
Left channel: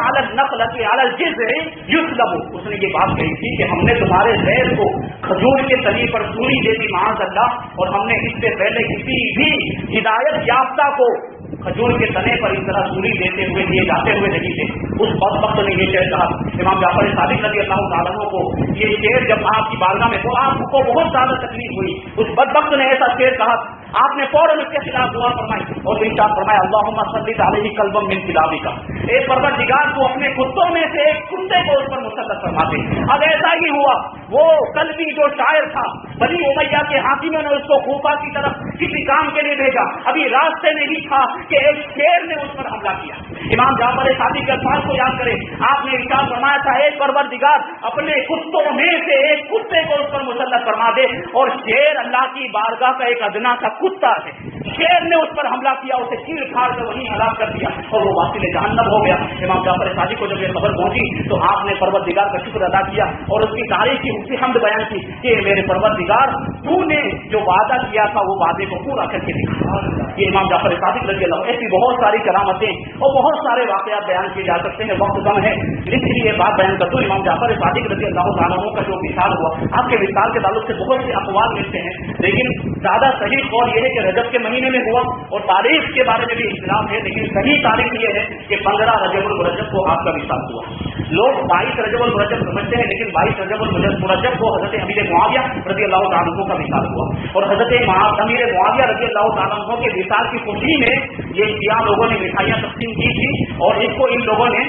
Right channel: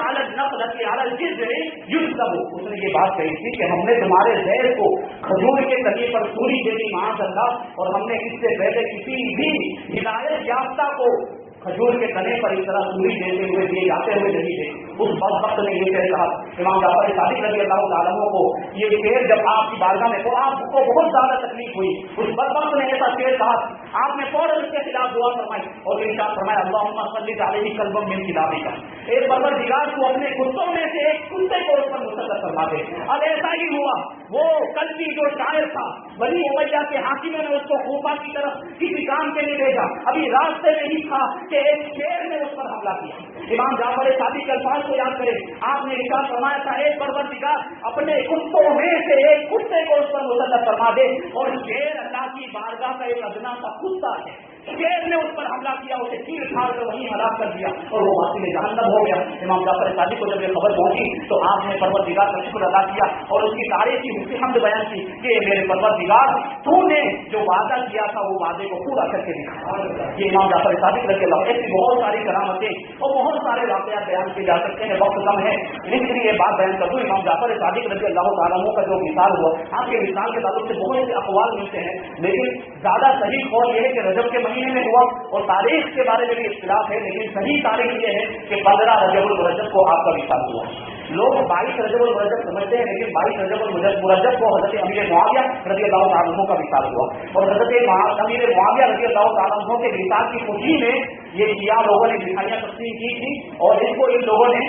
علی النخلۃ علی الجزء یطلب، اس نے یہ بات کہی تھی کہ ہم نے تمہارے زیر کو کھجور کے تنے پر سولی دے دی معاذ اللہ، اور ہم نے اس سے پہلے کسی بھی ہدایت یافتہ کو کھجور کے تنے پر اس طرح سولی دیتے ہوئے دیے جاتے ہوئے نہیں تھے۔ اس وقت نے یہ شعر کہا، امام جعفر صادق رضی اللہ تعالیٰ کو یہ شعر جب آپ کی بارگاہ میں تو آپ کو بہت زیادہ تکلیف ہوئی، اس بدبخت نے ایسا شعر کہا، آپ نے فوراً اس کے خلاف دعا فرمائی اور ارشاد فرمایا اللہم صلی علیہ قلبا من کلابک، اے پروردگار کو اپنے کتوں میں سے ایک کتے کو اس پر مسلط فرما دے۔ اب ایسا ہی ہوا، وہ کلبی جو شاعر تھا، بنی امیہ کے حاکموں نے اس کو کوفہ کی طرف کسی کام کے لیے بھیجا، ابھی راستے میں ہی تھا کہ ایک شیر نے اس پر حملہ کیا۔ امام جعفر صادق کے الفاظ کو یاد کریں، آپ نے ارشاد فرمایا تھا اے پروردگار اپنے کتوں میں سے ایک کتے کو اس پر مسلط فرما دے، اور شیر اللہ کی بارگاہ کا ایک ادنا سا کتا ہے، شیر نے اس پر حملہ کیا، اسے چیر پھاڑ کر وہیں ہلاک کر دیا اور وہ واصل جہنم ہو گیا۔ امام جعفر صادق کو جب یہ خبر پہنچی تو آپ نے پروردگار کا شکر ادا کیا اور اس کی تعریف کی، اس کی حمد بیان کی کہ میرے پروردگار تو نے جو وعدہ کیا تھا وہ وعدے کو پورا کر کے دکھا۔ یہ امام جعفر صادق رضی اللہ، ایسی بہت ساری کرامتیں اور بہت سارے واقعات بیان کیے جا سکتے ہیں، وقت کم ہے اس لیے بات بیان کر دوں۔ امام جعفر صادق رضی اللہ تعالیٰ عنہ کا جو مثال ہوا، آپ کے مثال کے تعلق سے بہت سے اقوال ملتے ہیں، لیکن زیادہ صحیح قول یہ ہے کہ رجب کے مہینے میں ہوا، اور تاریخ کے بارے میں بھی اختلاف ہے، لیکن صحیح تاریخ یہ ہے کہ 15 رجب المرجب کو آپ کا مثال ہوا۔ لوگ 22 رجب المرجب سمجھتے ہیں، لیکن 22 رجب المرجب کو حضرت امیر معاویہ رضی اللہ تعالیٰ عنہ کا مثال ہوا، اور حضرت امیر معاویہ رضی اللہ تعالیٰ عنہ کے مثال کی خوشی میں یہ شیعہ لوگوں نے مٹھائیاں تقسیم کی تھی اور اس کو ان لوگوں نے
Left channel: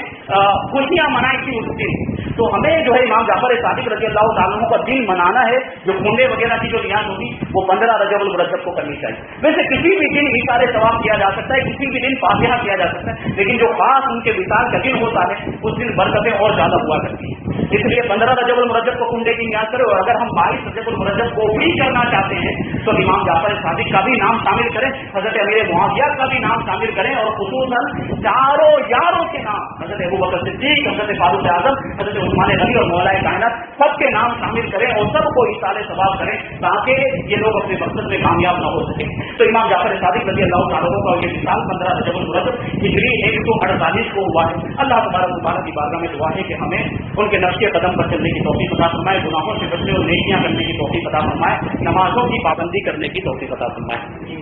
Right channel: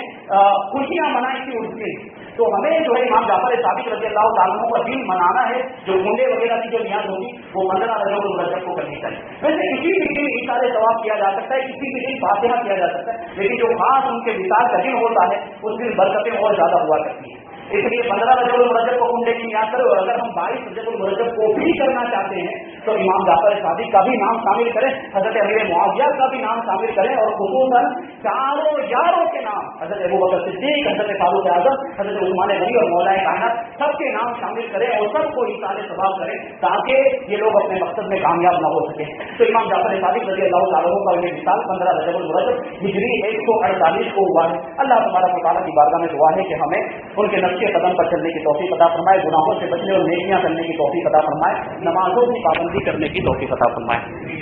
خوشیاں منائی تھی اس دن۔ تو ہمیں جو ہے امام جعفر صادق رضی اللہ تعالیٰ عنہ کا دن منانا ہے، جو گنڈے وغیرہ کی جو نیاز ہوگی وہ 15 رجب المرجب کو کرنی چاہیے۔ ویسے کسی بھی دن اشارے ثواب کیا جا سکتا ہے، کسی بھی دن فاتحہ کیا جا سکتا ہے، لیکن جو خاص ان کے وصال کا دن ہوتا ہے اس دن برکتیں اور زیادہ ہوا کرتی ہیں۔ اس لیے 15 رجب المرجب کو کنڈے کی نیاز کرے، اور اگر ہم 22 رجب المرجب کو بھی کرنا چاہتے ہیں تو امام جعفر صادق کا بھی نام شامل کریں، حضرت امیر معاویہ کا بھی نام شامل کریں، اور خصوصاً چاروں یاروں کے نام، حضرت ابوبکر صدیق، حضرت فاروق اعظم، حضرت عثمان غنی اور مولا کائنات، سب کے نام شامل کریں اور سب کو اصالے ثواب کریں تاکہ یہ لوگ اپنے مقصد میں کامیاب نہ ہو سکے۔ تو امام جعفر صادق رضی اللہ تعالیٰ کا یہ مثال 15 رجب المرجب ہجری 148 کو ہوا ہے۔ اللہ تبارک و تعالیٰ کی بارگاہ میں دعا ہے کہ ہمیں ان کے نقش قدم پر چلنے کی توفیق عطا فرمائے، گناہوں سے بچنے اور نیکیاں کرنے کی توفیق عطا فرمائے، نمازوں کی پابندی کرنے کی توفیق عطا فرمائے۔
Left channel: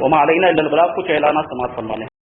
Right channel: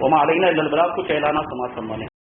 وما علینا الا البلاغ، کچھ اعلانات سماعت فرما لیں۔